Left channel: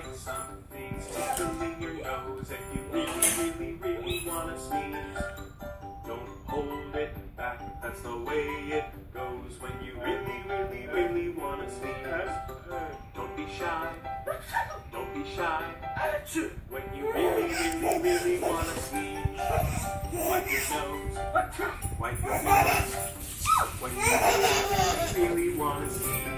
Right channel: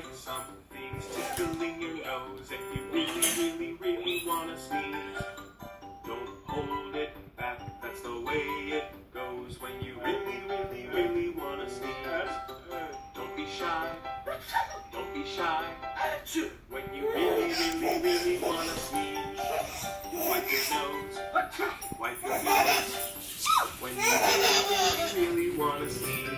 like something's tickling your nose and you really wanna sneeze. Don't hold it back, that's the way it goes when you really wanna sneeze. Don't be shy, don't be shy. When you really wanna sneeze. Wipe your nose, wipe your nose. When you really wanna sneeze.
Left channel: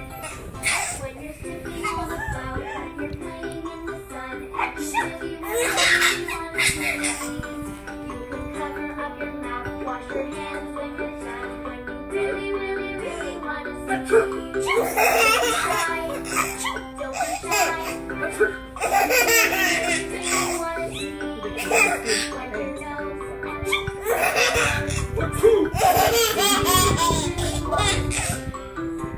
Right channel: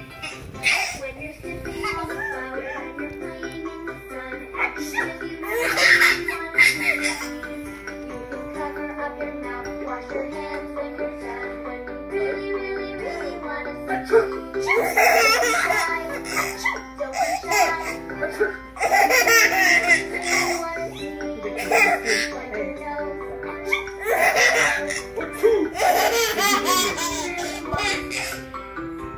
When you're sitting on the flower and you're playing in the sun, if you really wanna sneeze, you can cover up your mouth, wash your hands when you're done. When you really wanna sneeze, don't be shy, don't be shy. When you wanna sneeze, wipe your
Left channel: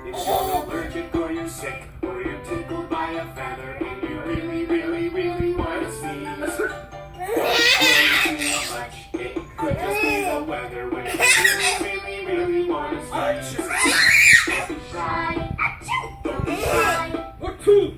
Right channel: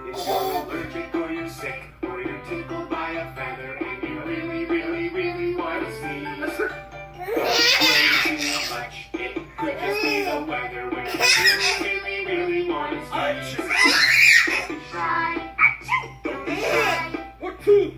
If you're allergic or you're sick or you're tickled by a feather and you really wanna sneeze, don't worry too much. It could just be the weather when you really wanna sneeze. Don't be shy. Don't be shy.